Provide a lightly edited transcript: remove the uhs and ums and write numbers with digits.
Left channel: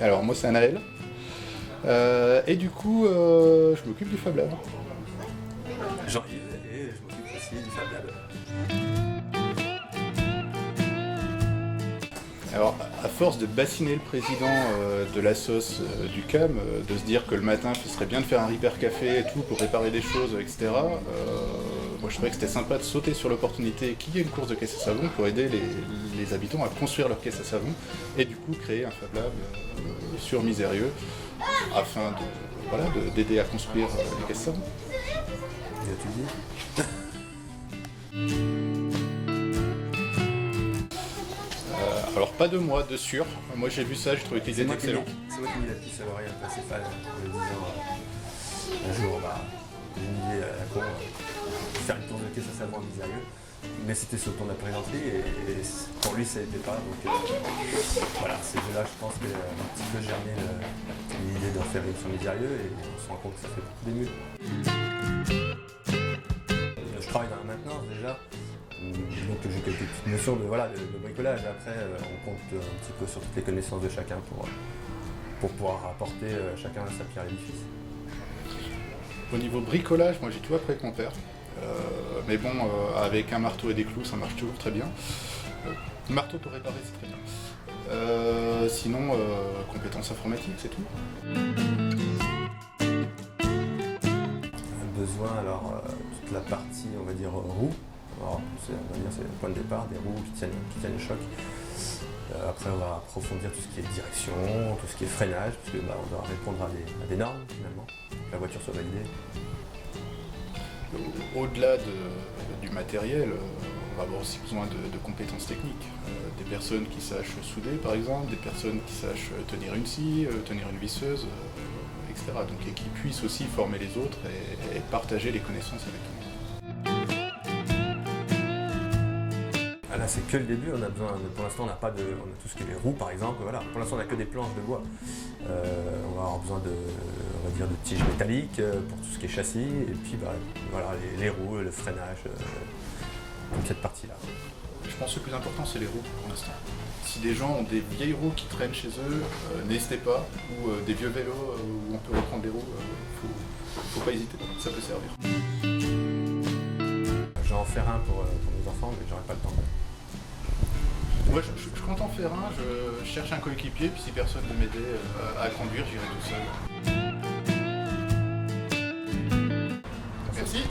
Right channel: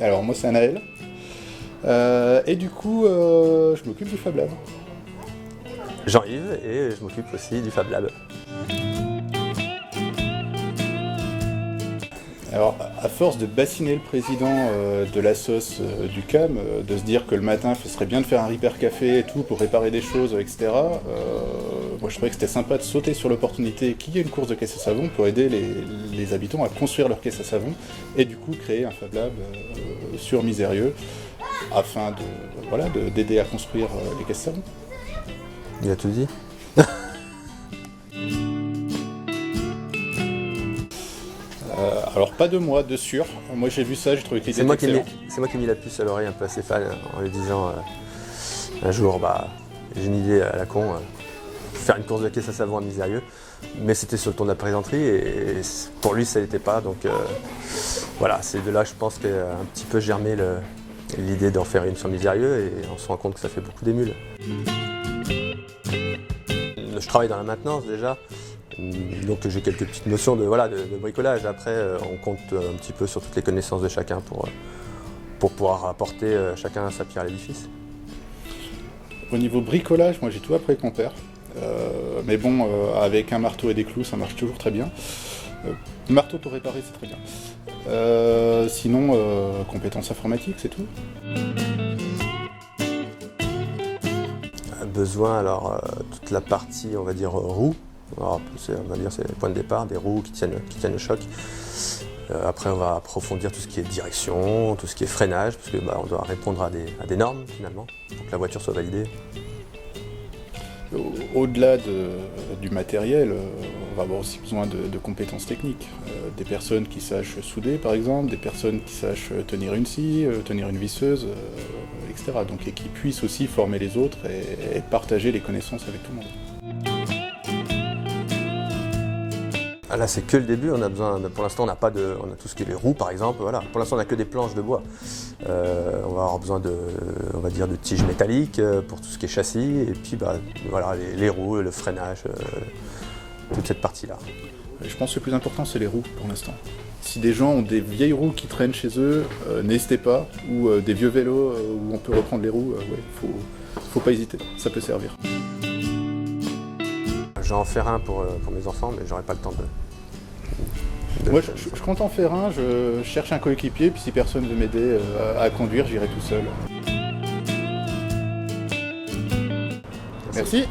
Alors moi c'est Anaël. Et du coup, je m'occupe du Fab Lab. Jean-Yves, et je m'occupe aussi du Fab Lab. Alors, à force de bassiner le président de la sauce du CAM, de se dire que le matin, ce serait bien de faire un Repair Café et tout pour réparer des choses, etc., moi je trouvais que c'était sympa de sauter sur l'opportunité qu'il y ait une course de caisse à savon pour aider les habitants à construire leur caisse à savon et du coup créer un Fab Lab sur Misérieux afin d'aider à construire les caisses à savon. Il a tout dit. Alors pas de moi, de sûr. Moi j'ai vu ça, j'ai trouvé que l'idée était excellente. C'est moi qui ai mis la puce à l'oreille un peu à Stéphane en lui disant un jour, j'ai une idée à la con, faire une course de caisse à savon à Misérieux. Mais c'était sur le ton de la plaisanterie et pour lui ça n'était pas. Donc voilà, c'est de là que je pense qu'un petit peu germé l'idée d'en faire une sur Misérieux et on se rend compte que ça fait beaucoup d'émules. Je travaille dans la maintenance déjà. Donc j'ai quelques petites notions de bricolage. Après, on compte un petit peu sur toutes les connaissances de chacun pour pouvoir apporter chacun sa pierre à l'édifice. Au niveau bricolage, moi j'ai tout appris avec mon père. Mais bon, avec un marteau et des clous, ça marche toujours très bien. Marteau pour réparer, c'est très bien. Sinon, compétences informatiques, c'est tout. Besoin, alors, toute la partie, on va dire, roue. Alors, on va dire c'est le point de départ, des roues qui tiennent le choc. Après, on va approfondir tout ce qui est direction, tout ce qui est freinage, parce que on doit répondre à des normes finalement, pour que la voiture soit validée. Au-delà du matériel, on va avoir aussi besoin de compétences techniques. Des personnes qui sachent souder par exemple, des personnes qui sachent tenir une scie, tenir une visseuse, etc. Donc, et qui puissent aussi former les autres et partager les connaissances avec tout le monde. Là, c'est que le début, on a besoin pour l'instant, on a tout ce qui est les roues par exemple, voilà. Pour l'instant, on n'a que des planches de bois. On va avoir besoin de tiges métalliques pour tout ce qui est châssis, et puis les roues, le freinage, toute cette partie-là. Je pense que le plus important, c'est les roues pour l'instant. Si des gens ont des vieilles roues qui traînent chez eux, n'hésitez pas, ou des vieux vélos où on peut reprendre les roues, faut pas hésiter, ça peut servir. Je vais en faire un pour mes enfants, mais j'aurai pas le temps de... Moi, je compte en faire un, je cherche un coéquipier, puis si personne veut m'aider à conduire, j'irai tout seul. Merci.